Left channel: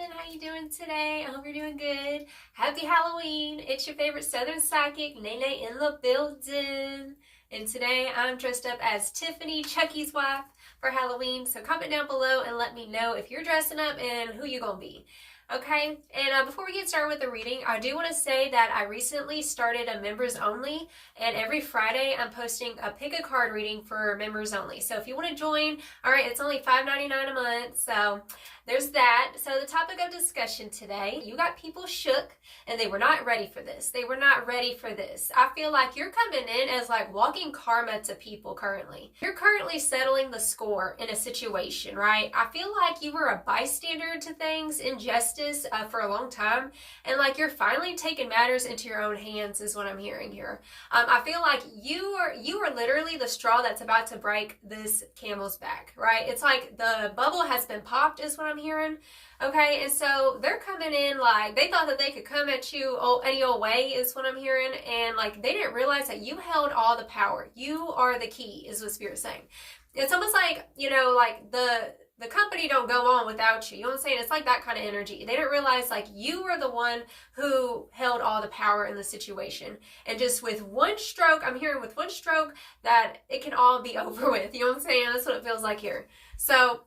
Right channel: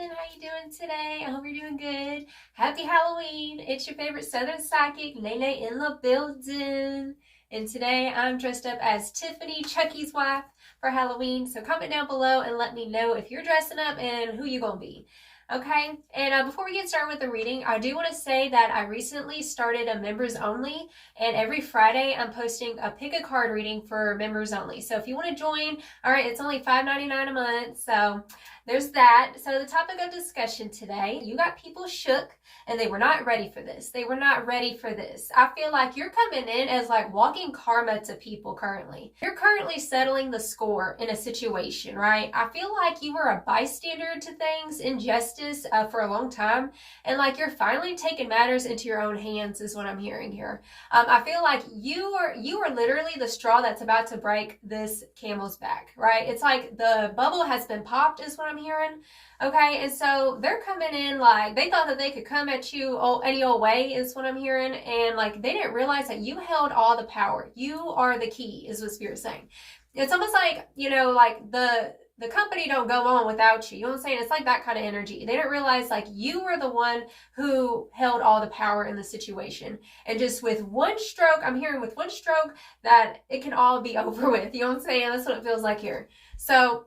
poppin'? How you doing today? I hope you're doing good. Happy Halloween. It's your favorite Southern Psychic, Nene in the building. And today I'm dressed up as Tiffany, Chucky's wife, for Halloween. So comment down below and let me know if you're dressing up and who you gonna be. Okay, and before we get started with the reading, I do want to say that I recently started a members only, and every Friday I'm posting a pick a card reading for members only. So if you want to join, all right, it's only $5.99 a month, so there's that. So the topic of discussion today, you got people shook and they were not ready for this. They were not ready for this. I feel like you're coming in as like walking karma to people currently. You're currently settling the score in a situation, right? I feel like you were a bystander to things, injustice for a long time, and like you're finally taking matters into your own hands is what I'm hearing here. I feel like you are literally the straw that's about to break this camel's back, right? It's like the bubble has been popped is what I'm hearing. Okay, and so they're coming in like they thought that they could come at you any old way is what I'm hearing, and like they didn't realize that you held all the power. You are the key is what Spirit's saying. It's almost like, you know, like the company don't go on without you. You know what I'm saying? It's like that kind of energy. They didn't realize like you were the one who held all the power in the situation. And just with one stroke, I'm hearing with one stroke that it can all be over with. You know what I'm saying? That's what it feels like here. So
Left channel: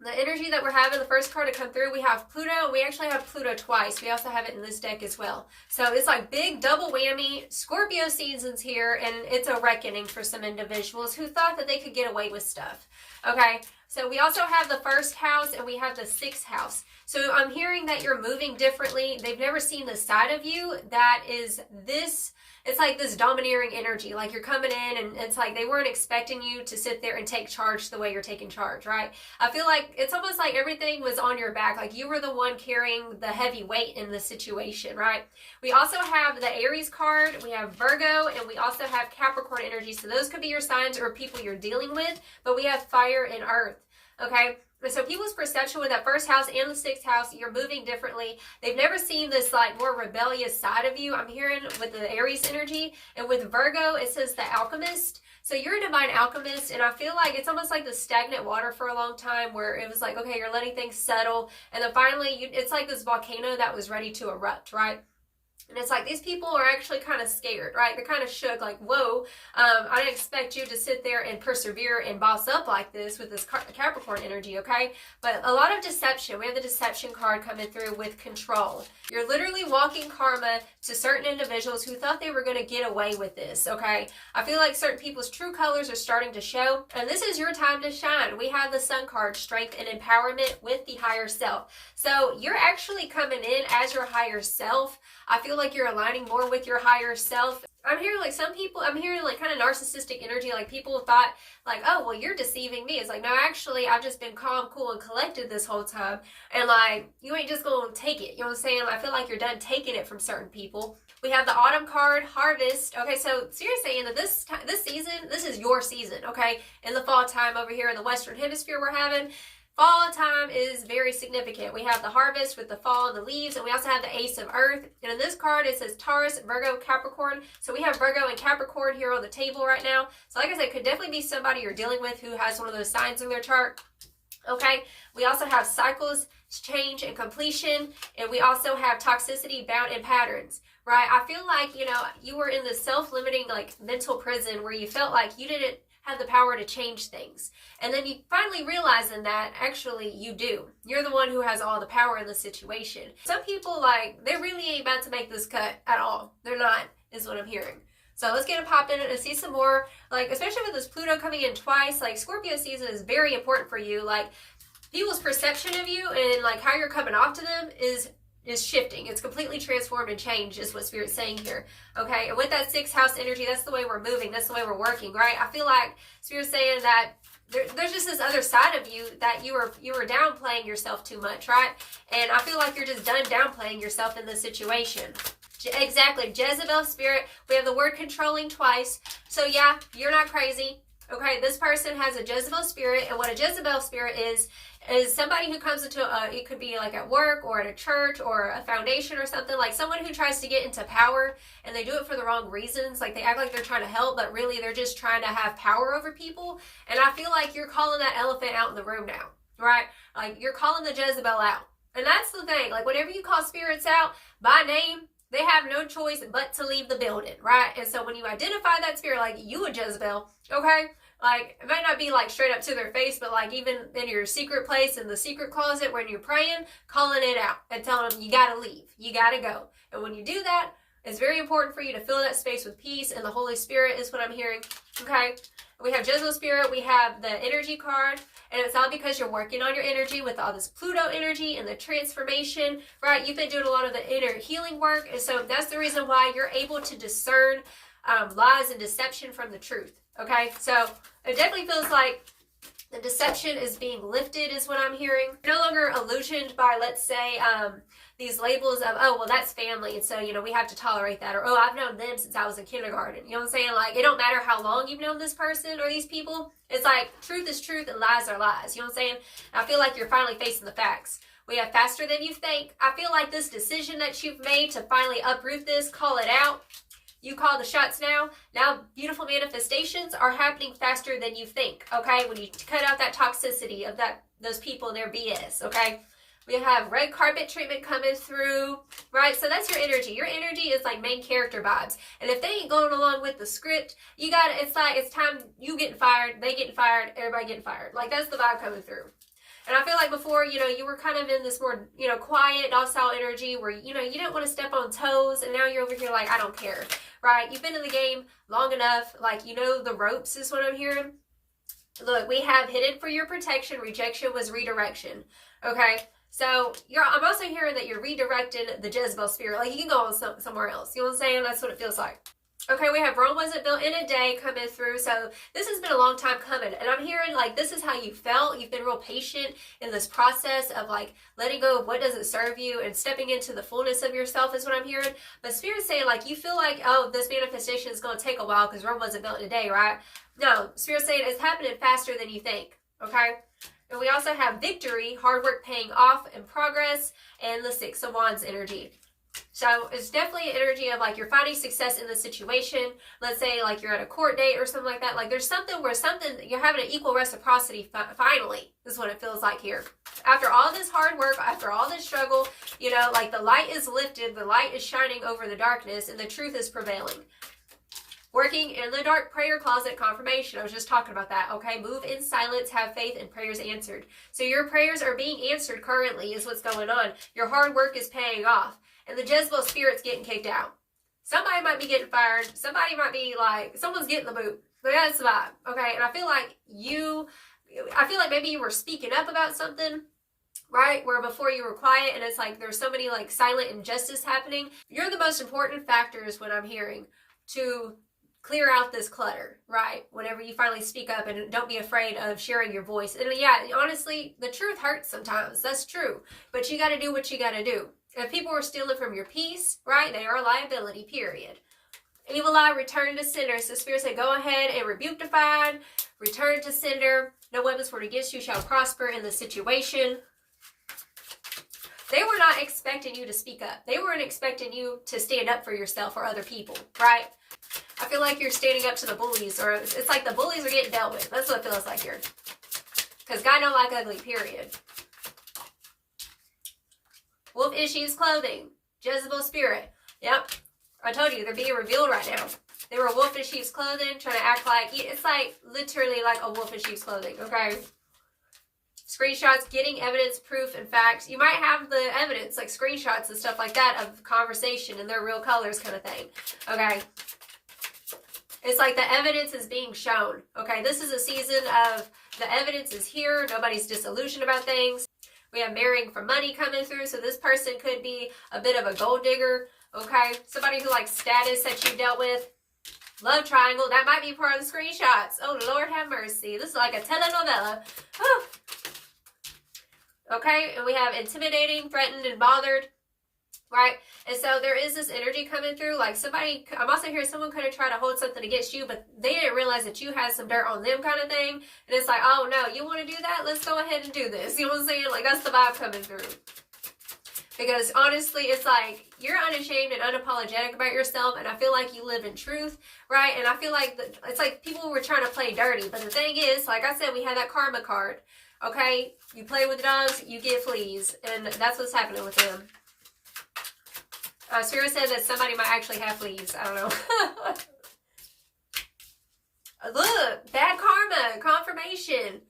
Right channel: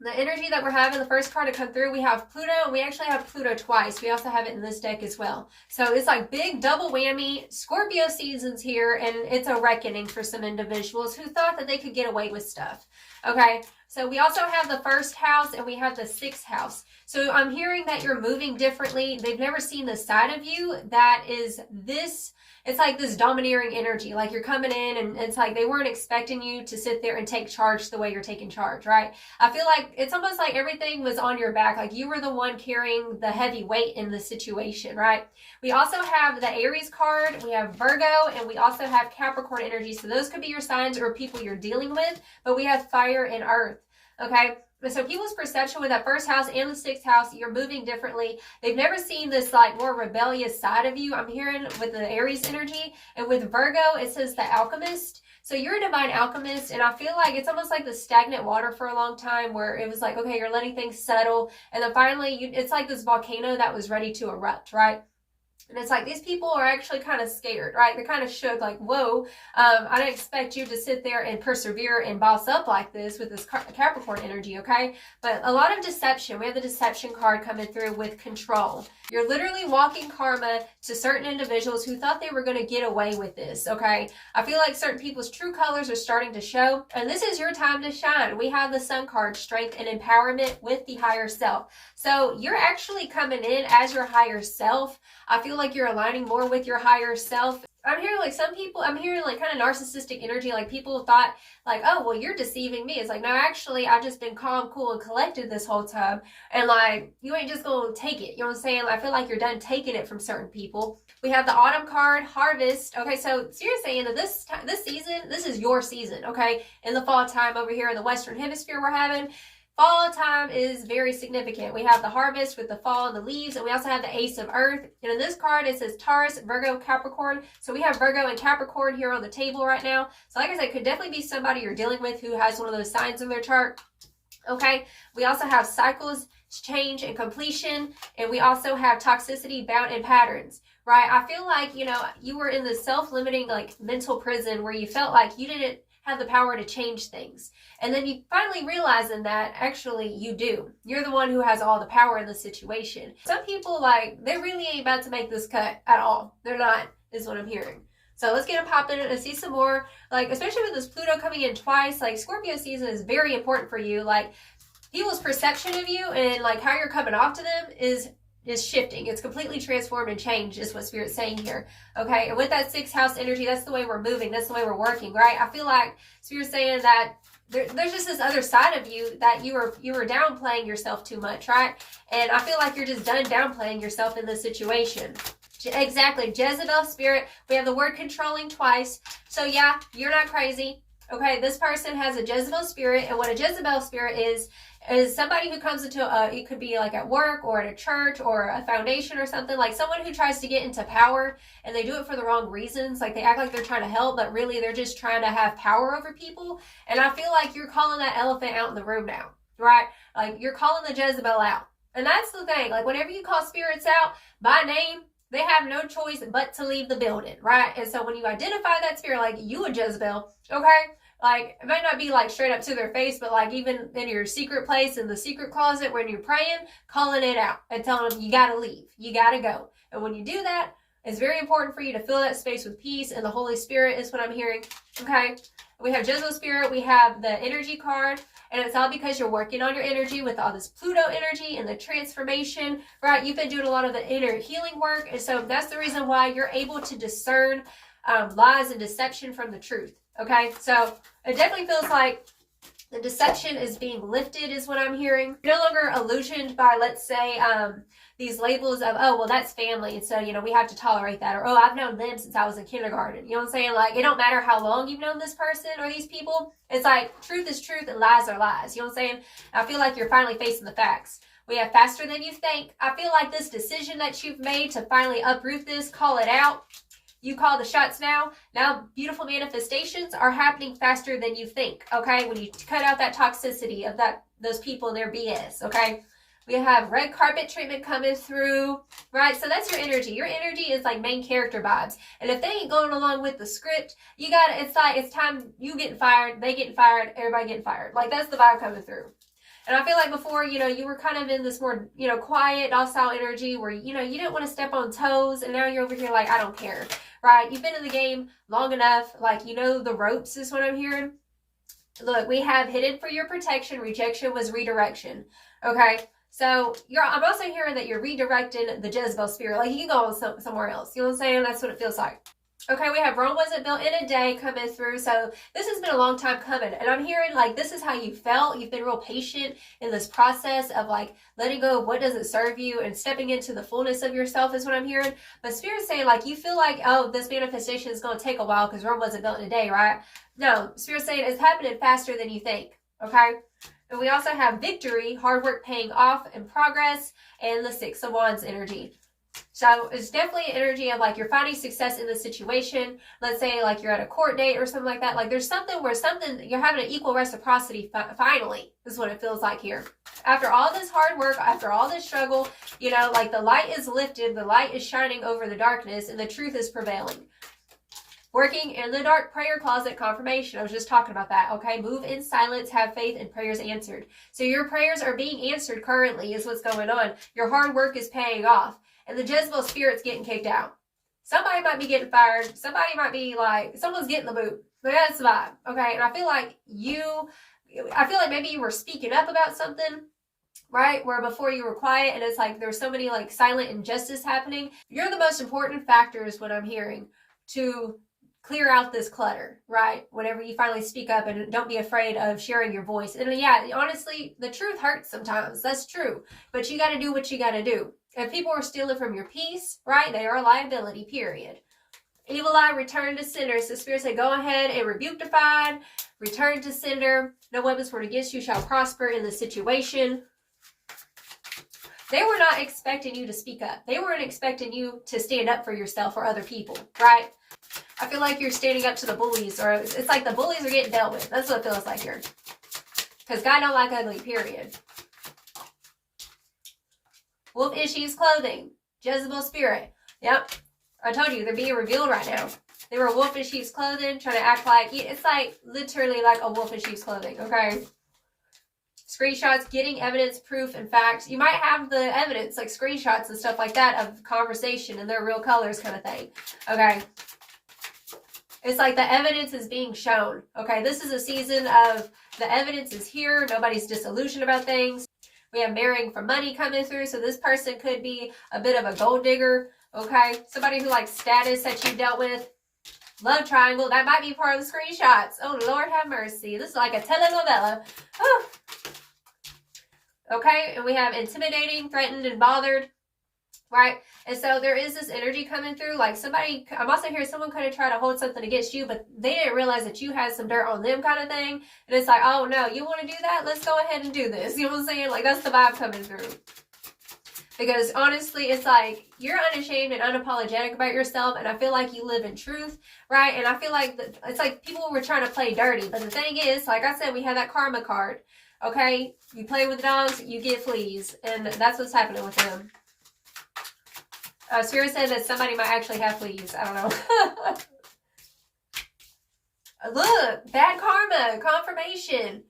the energy that we're having, the first card to come through, we have Pluto, and we actually have Pluto twice. We also have it in this deck as well. So it's like big double whammy. Scorpio season's here, and it's a reckoning for some individuals who thought that they could get away with stuff. Okay, so we also have the first house, and we have the sixth house. So I'm hearing that you're moving differently. They've never seen the side of you that is this. It's like this domineering energy, like you're coming in and it's like they weren't expecting you to sit there and take charge the way you're taking charge, right? I feel like it's almost like everything was on your back, like you were the one carrying the heavy weight in the situation, right? We also have the Aries card, we have Virgo, and we also have Capricorn energy. So those could be your signs or people you're dealing with, but we have fire and earth, okay? So people's perception with that first house and the sixth house, you're moving differently. They've never seen this like more rebellious side of you. I'm hearing with the Aries energy, and with Virgo, it says the alchemist. So you're a divine alchemist, and I feel like it's almost like the stagnant water for a long time where it was like, okay, you're letting things settle. And then finally, it's like this volcano that was ready to erupt, right? And it's like these people are actually kind of scared, right? They're kind of shook, like, whoa, I didn't expect you to sit there and persevere and boss up like this with this Capricorn energy, okay? But a lot of deception. We have the deception card coming through with control. You're literally walking karma to certain individuals who thought they were going to get away with this, okay? I feel like certain people's true colors are starting to show, and this is your time to shine. We have the Sun card, strength and empowerment with the higher self. So you're actually coming in as your higher self. I feel like you're aligning more with your higher self. I'm hearing like some people, I'm hearing like kind of narcissistic energy, like people thought like, oh, well, you're deceiving me. It's like, no, actually, I've just been calm, cool, and collected this whole time. And like, you ain't just going to take it. You know what I'm saying? I feel like you're done taking it from certain people. We have the autumn card, harvest. Okay, so Spirit's saying that this season, this is your season, okay? In the fall time over here in the Western Hemisphere we're having, fall time is very significant. We have the harvest with the fall and the leaves, and we also have the Ace of Earth. And in this card, it says Taurus, Virgo, Capricorn. So we have Virgo and Capricorn here on the table right now. So like I said, it could definitely be somebody you're dealing with who has one of those signs in their chart. Okay, we also have cycles, change, and completion. And we also have toxicity, bound, and patterns, right? I feel like, you know, you were in this self-limiting, like, mental prison where you felt like you didn't have the power to change things. And then you finally realizing that actually you do. You're the one who has all the power in the situation. Some people, like, they really ain't about to make this cut at all. They're not, is what I'm hearing. So let's get them popping and see some more, like, especially with this Pluto coming in twice, like, Scorpio season is very important for you. Like, people's perception of you and, like, how you're coming off to them is shifting. It's completely transformed and changed is what Spirit's saying here. Okay, and with that sixth house energy, that's the way we're moving. That's the way we're working, right? I feel like Spirit's saying that there's just this other side of you that you were downplaying yourself too much, right? And I feel like you're just done downplaying yourself in this situation. Exactly. Jezebel spirit. We have the word controlling twice. So yeah, you're not crazy. Okay, this person has a Jezebel spirit, and what a Jezebel spirit is somebody who comes into it could be like at work or at a church or a foundation or something, like someone who tries to get into power and they do it for the wrong reasons. Like they act like they're trying to help, but really they're just trying to have power over people. And I feel like you're calling that elephant out in the room now, right? Like you're calling the Jezebel out. And that's the thing. Like, whenever you call spirits out by name, they have no choice but to leave the building, right? And so when you identify that spirit, like you and Jezebel, okay? Like, it might not be like straight up to their face, but like even in your secret place, in the secret closet when you're praying, calling it out and telling them, you gotta leave, you gotta go. And when you do that, it's very important for you to fill that space with peace, and the Holy Spirit is what I'm hearing, okay? We have Jezebel spirit, we have the energy card, and it's all because you're working on your energy with all this Pluto energy and the transformation, right? You've been doing a lot of the inner healing work, and so that's the reason why you're able to discern lies and deception from the truth, okay? So it definitely feels like the deception is being lifted is what I'm hearing. You're no longer illusioned by, let's say, these labels of, oh, well, that's family, and so, you know, we have to tolerate that. Or, oh, I've known them since I was in kindergarten. You know what I'm saying? Like, it don't matter how long you've known this person or these people. It's like, truth is truth and lies are lies. You know what I'm saying? And I feel like you're finally facing the facts. We have faster than you think. I feel like this decision that you've made to finally uproot this, call it out, you call the shots now. Now, beautiful manifestations are happening faster than you think, okay? When you cut out that toxicity of those people and their BS, okay? We have red carpet treatment coming through, right? So that's your energy. Your energy is like main character vibes. And if they ain't going along with the script, it's like, it's time you getting fired, they getting fired, everybody getting fired. Like, that's the vibe coming through. And I feel like before, you know, you were kind of in this more, you know, quiet, docile energy where, you know, you didn't want to step on toes. And now you're over here like, I don't care, right? You've been in the game long enough. Like, you know, the ropes is what I'm hearing. Look, we have hidden for your protection. Rejection was redirection. Okay. So I'm also hearing that you're redirecting the Jezebel spirit. Like, you can go on somewhere else. You know what I'm saying? That's what it feels like. Okay, we have Rome wasn't built in a day coming through. So this has been a long time coming. And I'm hearing like this is how you felt. You've been real patient in this process of like letting go of what doesn't serve you and stepping into the fullness of yourself is what I'm hearing. But Spirit's saying like you feel like, oh, this manifestation is going to take a while because Rome wasn't built in a day, right? No, Spirit's saying it's happening faster than you think. Okay? And we also have victory, hard work paying off, and progress, and the Six of Wands energy. So it's definitely an energy of like you're finding success in the situation. Let's say like you're at a court date or something like that. Like there's something where you're having an equal reciprocity finally is what it feels like here. After all this hard work, after all this struggle, you know, like the light is lifted, the light is shining over the darkness, and the truth is prevailing. Working in the dark prayer closet confirmation. I was just talking about that. Okay. Move in silence, have faith, and prayers answered. So your prayers are being answered currently is what's going on. Your hard work is paying off. And the Jezebel spirit's getting kicked out. Somebody might be getting fired. Somebody might be like, someone's getting the boot. But that's the vibe. Okay. And I feel like maybe you were speaking up about something, right? Where before you were quiet and it's like there's so many like silent injustice happening. You're the most important factors when I'm hearing to clear out this clutter, right? Whenever you finally speak up, and don't be afraid of sharing your voice. And yeah, honestly, the truth hurts sometimes. That's true. But you got to do what you got to do. If people were stealing from your peace, right, they are a liability, period. Evil eye, return to sender. So Spirit said, go ahead and rebuke defied, return to sender. No weapons formed against you shall prosper in the situation. They were not expecting you to speak up. They weren't expecting you to stand up for yourself or other people, right? I feel like you're standing up to the bullies, or it's like the bullies are getting dealt with. That's what it feels like here. Because God don't like ugly, period. Wolf in sheep's clothing. Jezebel spirit. Yep. I told you, they're being revealed right now. They were a wolf in sheep's clothing, trying to act like, it's like literally like a wolf in sheep's clothing, okay? Screenshots, getting evidence, proof, and facts. You might have the evidence, like screenshots and stuff like that of conversation and their real colors kind of thing, okay? It's like the evidence is being shown, okay? This is a season of the evidence is here. Nobody's disillusioned about things. We have marrying for money coming through. So this person could be a bit of a gold digger, okay? Somebody who likes status that you dealt with. Love triangle. That might be part of the screenshots. Oh, Lord have mercy. This is like a telenovela. Whew. Okay, and we have intimidating, threatened, and bothered. Right? And so there is this energy coming through. Like somebody, I'm also hearing someone kind of try to hold something against you, but they didn't realize that you had some dirt on them kind of thing. And it's like, oh no, you want to do that? Let's go ahead and do this. You know what I'm saying? Like that's the vibe coming through. Because honestly, it's like you're unashamed and unapologetic about yourself. And I feel like you live in truth. Right? And I feel like it's like people were trying to play dirty. But the thing is, like I said, we have that karma card. Okay? You play with dogs, you get fleas. And that's what's happening with them. Spirit said that somebody might actually have fleas. I don't know. Look, bad karma, confirmation.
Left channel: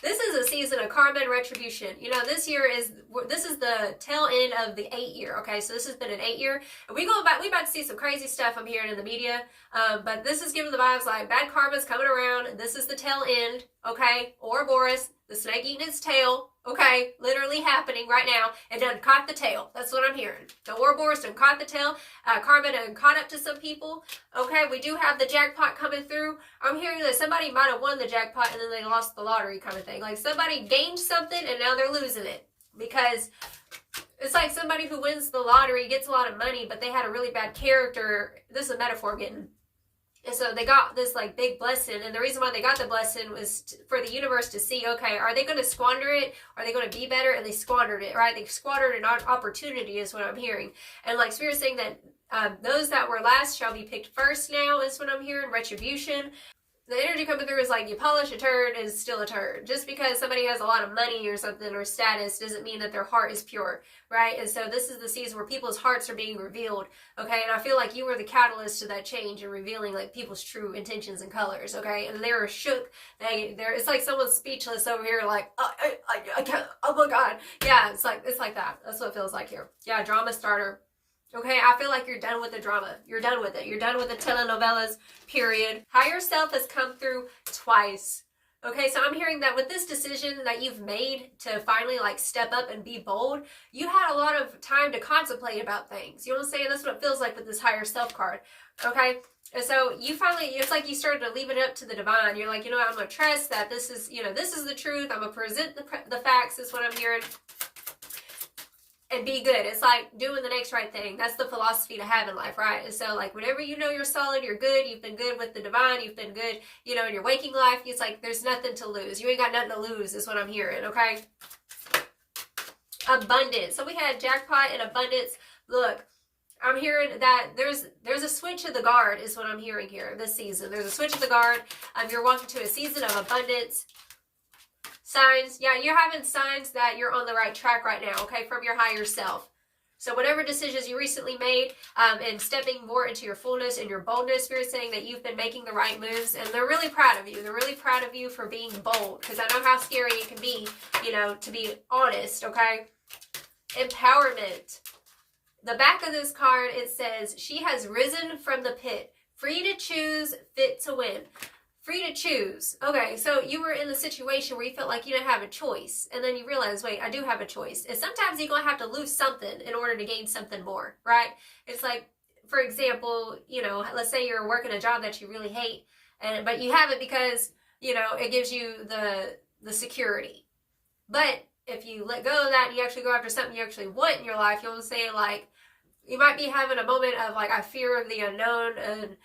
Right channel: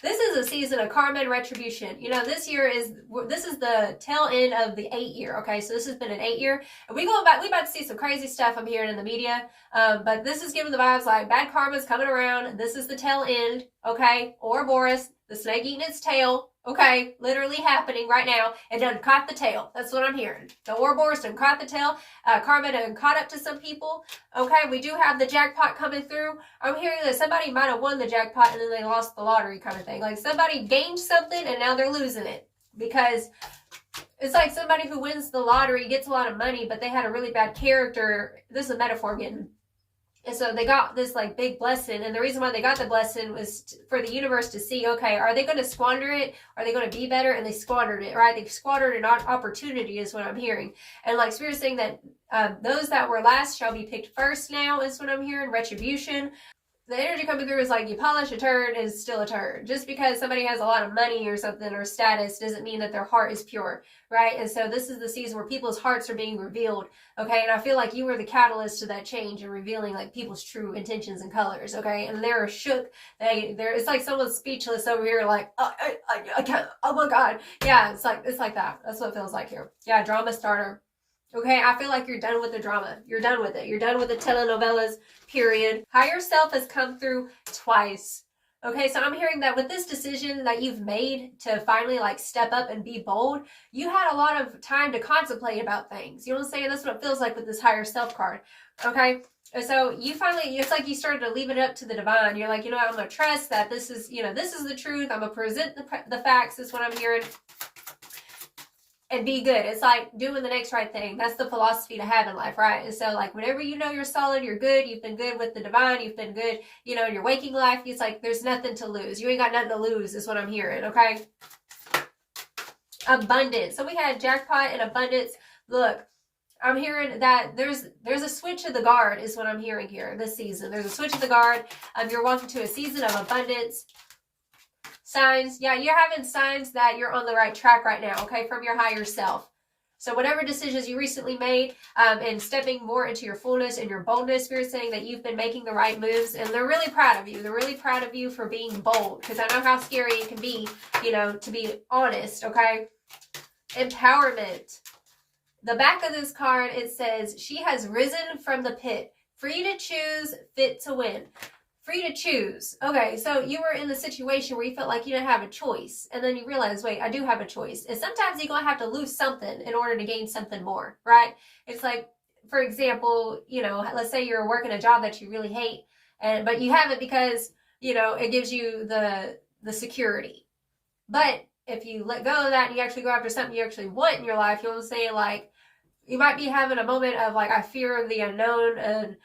This is a season of karma and retribution. You know, this is the tail end of the 8-year. Okay, so this has been an 8-year, and we about to see some crazy stuff I'm hearing in the media. But this is giving the vibes like bad karma is coming around. This is the tail end. Okay, Ouroboros, the snake eating its tail. Okay, literally happening right now. It done caught the tail. That's what I'm hearing. The Ouroboros done caught the tail. Karma done caught up to some people. Okay, we do have the jackpot coming through. I'm hearing that somebody might have won the jackpot and then they lost the lottery kind of thing. Like somebody gained something and now they're losing it. Because it's like somebody who wins the lottery gets a lot of money, but they had a really bad character. This is a metaphor I'm getting. And so they got this like big blessing, and the reason why they got the blessing was for the universe to see, okay, are they going to squander it? Are they going to be better? And they squandered it, right? They squandered an opportunity is what I'm hearing. And like Spirit's saying that those that were last shall be picked first now is what I'm hearing. Retribution. The energy coming through is like you polish a turd and it's still a turd. Just because somebody has a lot of money or something or status doesn't mean that their heart is pure, right? And so this is the season where people's hearts are being revealed, okay? And I feel like you were the catalyst to that change and revealing like people's true intentions and colors, okay? And they're shook. It's like someone's speechless over here, like I can't. Oh my God, yeah. It's like that. That's what it feels like here. Yeah, drama starter. Okay, I feel like you're done with the drama. You're done with it. You're done with the telenovelas, period. Higher self has come through twice. Okay, so I'm hearing that with this decision that you've made to finally like step up and be bold, you had a lot of time to contemplate about things. You know what I'm saying? That's what it feels like with this higher self card. Okay, and so you finally, it's like you started to leave it up to the divine. You're like, you know what, I'm going to trust that this is, you know, this is the truth. I'm going to present the facts is what I'm hearing. And be good. It's like doing the next right thing. That's the philosophy to have in life, right? And so like whenever you know you're solid, you're good, you've been good with the divine, you've been good, you know, in your waking life, it's like there's nothing to lose. You ain't got nothing to lose is what I'm hearing, okay? Abundance. So we had jackpot and abundance. Look, I'm hearing that there's a switch of the guard is what I'm hearing here this season. There's a switch of the guard. You're walking to a season of abundance. Signs, yeah, you're having signs that you're on the right track right now, okay, from your higher self. So whatever decisions you recently made and stepping more into your fullness and your boldness, Spirit's saying that you've been making the right moves, and they're really proud of you. They're really proud of you for being bold, because I know how scary it can be, you know, to be honest, okay? Empowerment. The back of this card, it says, she has risen from the pit, free to choose, fit to win. Free to choose. Okay, so you were in the situation where you felt like you didn't have a choice, and then you realize, wait, I do have a choice. And sometimes you're going to have to lose something in order to gain something more, right? It's like, for example, you know, let's say you're working a job that you really hate, but you have it because, you know, it gives you the security. But if you let go of that and you actually go after something you actually want in your life, you know what I'm saying? Like, you might be having a moment of like, I fear the unknown and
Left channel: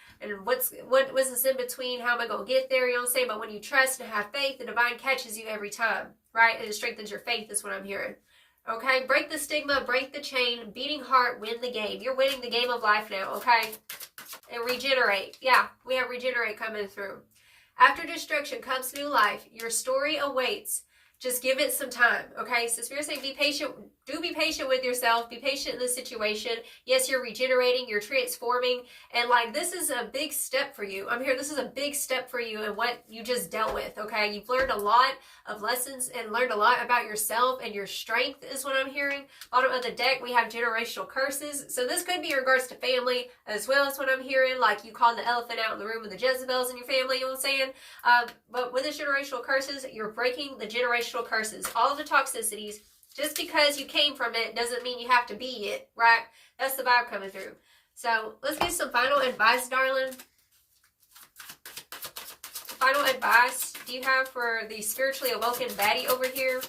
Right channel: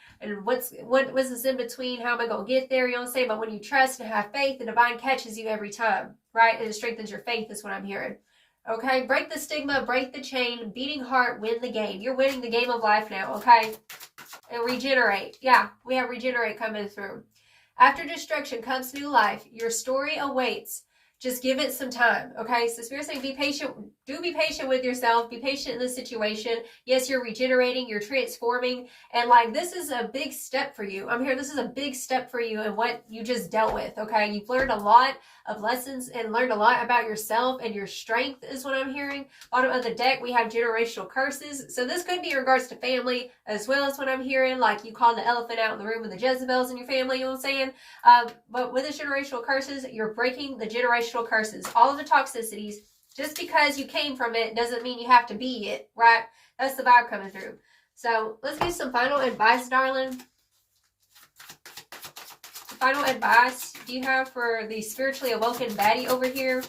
what was this in between? How am I going to get there? You know what I'm saying? But when you trust and have faith, the divine catches you every time, right? And it strengthens your faith is what I'm hearing. Okay, break the stigma, break the chain, beating heart, win the game. You're winning the game of life now, okay? And regenerate. Yeah, we have regenerate coming through. After destruction comes new life. Your story awaits. Just give it some time, okay? So Spirit's saying be patient. Do be patient with yourself. Be patient in this situation. Yes, you're regenerating. You're transforming. And like, this is a big step for you. I'm here. This is a big step for you and what you just dealt with, okay? You've learned a lot of lessons and learned a lot about yourself and your strength is what I'm hearing. Bottom of the deck, we have generational curses. So this could be in regards to family as well as what I'm hearing. Like you called the elephant out in the room with the Jezebels in your family, you know what I'm saying? But with the generational curses, you're breaking the generational curses. All of the toxicities. Just because you came from it doesn't mean you have to be it, right? That's the vibe coming through. So let's get some final advice, darling. Final advice do you have for the spiritually awoken baddie over here?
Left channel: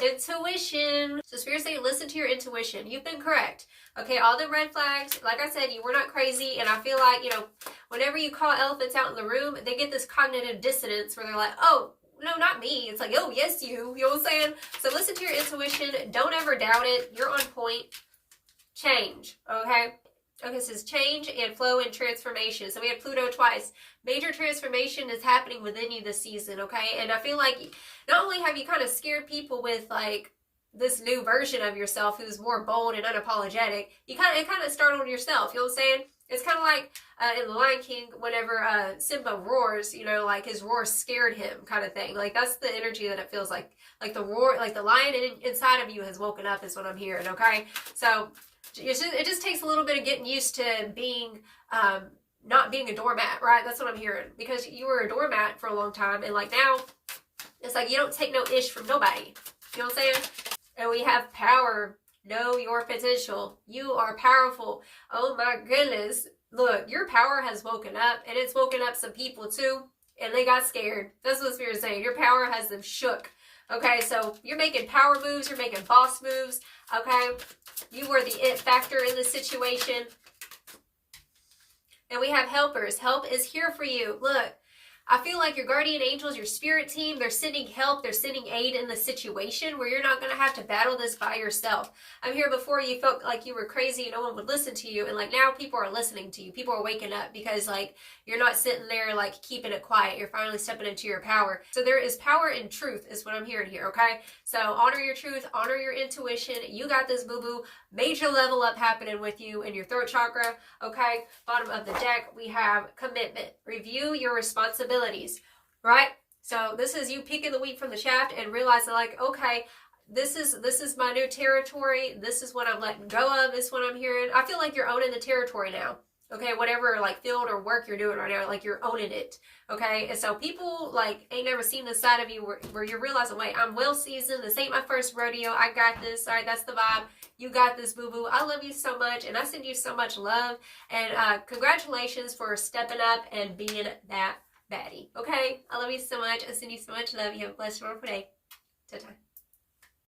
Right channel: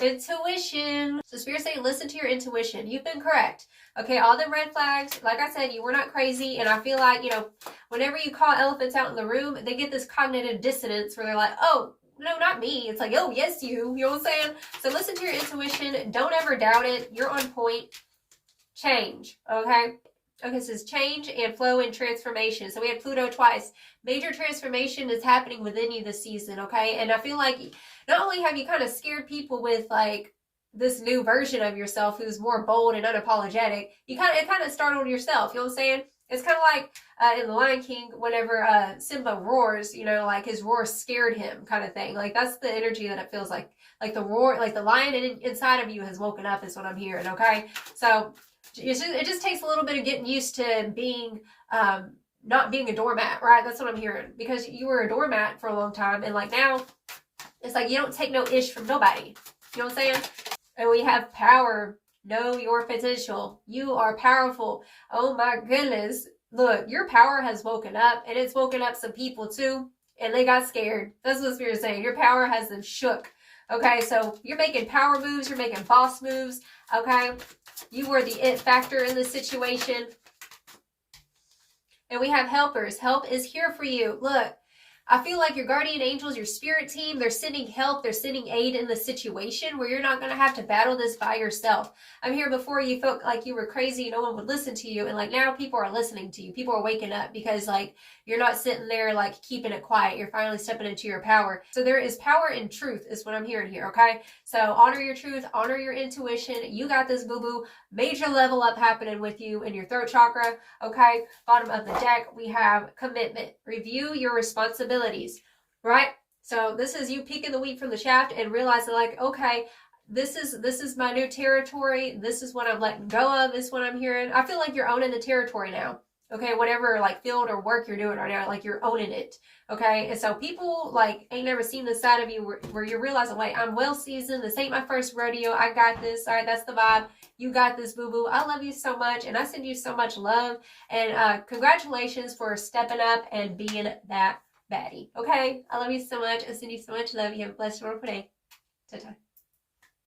Intuition. So Spirit saying, listen to your intuition. You've been correct. Okay, all the red flags, like I said, you were not crazy. And I feel like, you know, whenever you call elephants out in the room, they get this cognitive dissonance where they're like, oh, no, not me. It's like, oh, yes, you. You know what I'm saying? So listen to your intuition. Don't ever doubt it. You're on point. Change, okay? Okay, this is change and flow and transformation. So we had Pluto twice. Major transformation is happening within you this season, okay? And I feel like not only have you kind of scared people with like this new version of yourself who's more bold and unapologetic, it kind of startled yourself. You know what I'm saying? It's kind of like in The Lion King, whenever Simba roars, you know, like his roar scared him, kind of thing. Like that's the energy that it feels like the roar, like the lion inside of you has woken up. Is what I'm hearing. Okay, so it just takes a little bit of getting used to being not being a doormat, right? That's what I'm hearing, because you were a doormat for a long time, and like now it's like you don't take no ish from nobody. You know what I'm saying? And we have power. Know your potential. You are powerful. Oh my goodness. Look, your power has woken up, and it's woken up some people too, and they got scared. That's what Spirit's saying. Your power has them shook. Okay, so you're making power moves, you're making boss moves. Okay, you were the it factor in this situation. And we have helpers. Help is here for you. Look, I feel like your guardian angels, your spirit team, they're sending help, they're sending aid in the situation where you're not going to have to battle this by yourself. I'm here before you felt like you were crazy, no one would listen to you, and like now people are listening to you. People are waking up because like you're not sitting there like keeping it quiet. You're finally stepping into your power. So there is power in truth is what I'm hearing here, okay? So honor your truth, honor your intuition. You got this, boo-boo. Major level up happening with you in your throat chakra, okay? Bottom of the deck, we have commitment. Review your responsibilities, right? So this is you peeking the wheat from the shaft and realizing like, okay, this is my new territory. This is what I'm letting go of. This is what I'm hearing. I feel like you're owning the territory now. Okay, whatever like field or work you're doing right now, like you're owning it. Okay, and so people like ain't never seen this side of you where you're realizing, wait, I'm well seasoned. This ain't my first rodeo. I got this. All right, that's the vibe. You got this, boo-boo. I love you so much, and I send you so much love. And congratulations for stepping up and being that baddie. Okay, I love you so much. I send you so much love. You have a blessed, wonderful day. Ta-ta.